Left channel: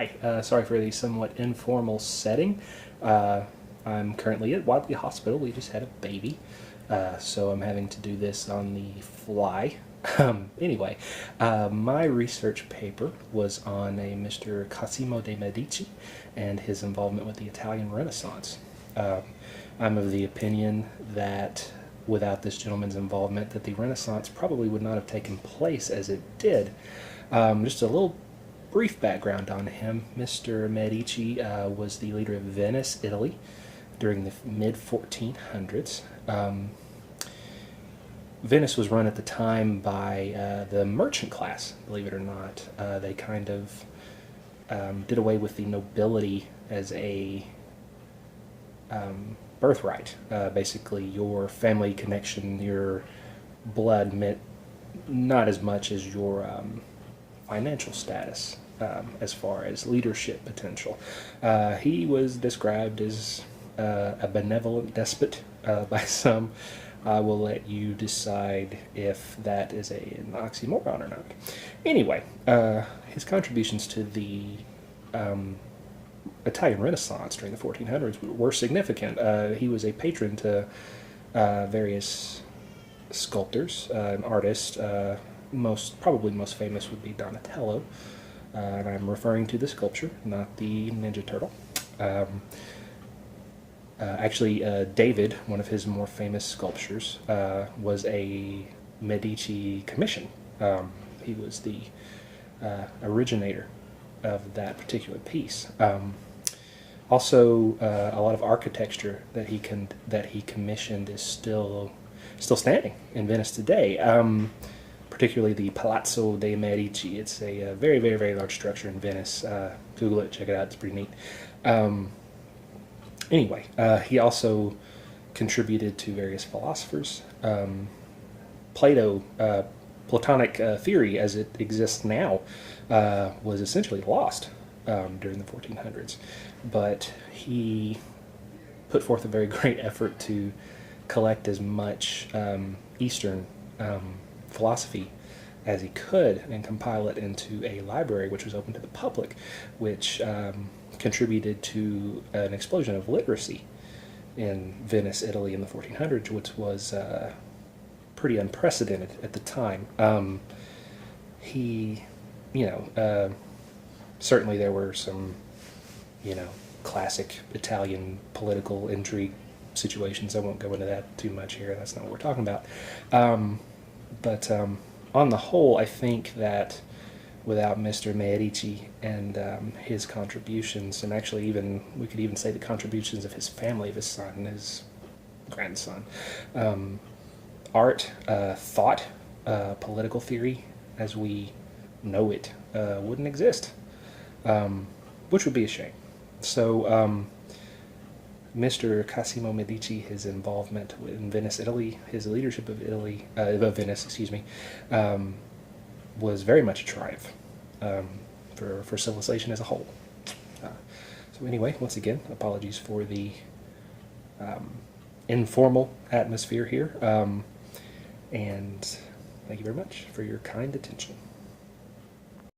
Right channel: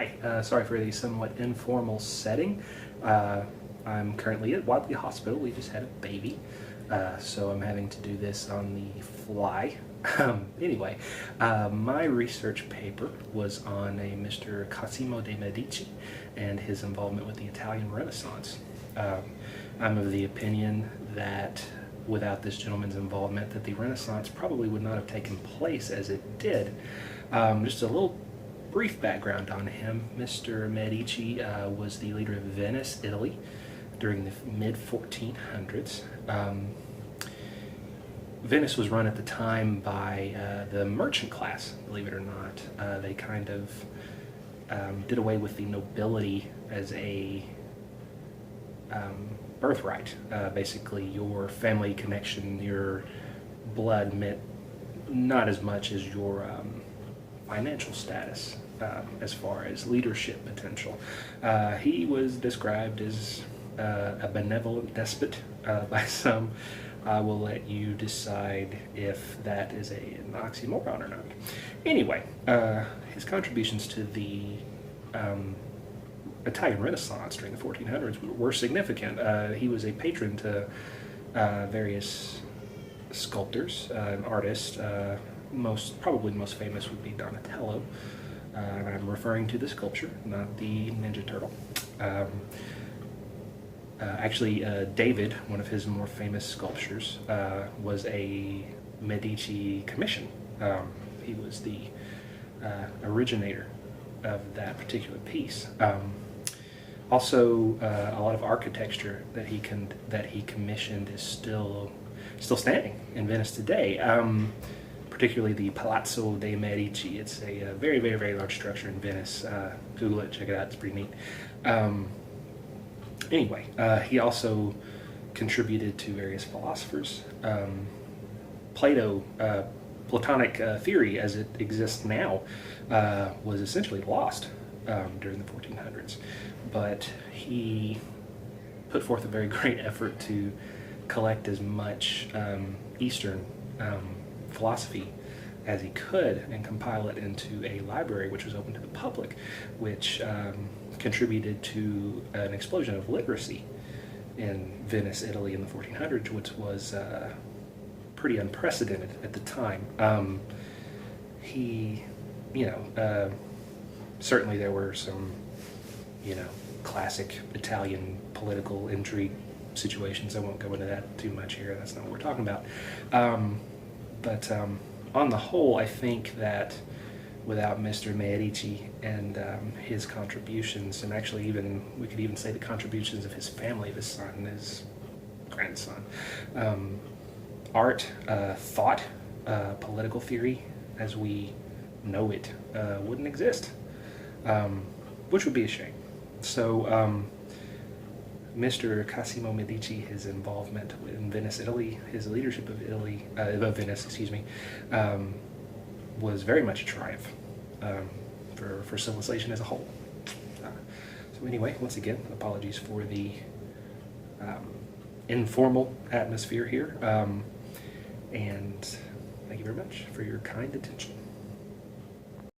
Hi, sorry for the somewhat informal setting. I'm currently at Wadley Hospital. We just had a baby, so I'm having to do this on the fly. Anyway, my research paper was on a Mr. Cosimo de' Medici and his involvement with the Italian Renaissance. I'm of the opinion that without this gentleman's involvement, that the Renaissance probably would not have taken place as it did. Just a little brief background on him. Mr. Medici was the leader of Venice, Italy, during the mid-1400s. Venice was run at the time by the merchant class, believe it or not. They kind of did away with the nobility as a birthright. Basically, your family connection, your blood meant not as much as your financial status as far as leadership potential. He was described as a benevolent despot by some. I will let you decide if that is an oxymoron or not. Anyway, his contributions to the Italian Renaissance during the 1400s were significant. He was a patron to various sculptors and artists. Probably most famous would be Donatello, and I'm referring to the sculpture, not the Ninja Turtle. Actually, David, one of his more famous sculptures, was a Medici commission. He was the originator of that particular piece. Also, a lot of architecture that he commissioned is still standing in Venice today. Particularly the Palazzo dei Medici. It's a very, very, very large structure in Venice. Google it, check it out, it's pretty neat. Anyway, he also contributed to various philosophers. Platonic theory as it exists now was essentially lost during the 1400s, but he put forth a very great effort to collect as much Eastern philosophy as he could and compile it into a library which was open to the public, which contributed to an explosion of literacy in Venice, Italy in the 1400s, which was pretty unprecedented at the time. Certainly there were some, classic Italian political intrigue situations. I won't go into that too much here. That's not what we're talking about. But on the whole, I think that without Mr. Medici and his contributions, and actually we could even say the contributions of his family, of his son and his grandson, art, thought, political theory as we know it wouldn't exist, which would be a shame. So Mr. Cosimo Medici, his involvement in Venice, Italy, his leadership of Venice, was very much a triumph for civilization as a whole. So anyway, once again, apologies for the informal atmosphere here, and thank you very much for your kind attention.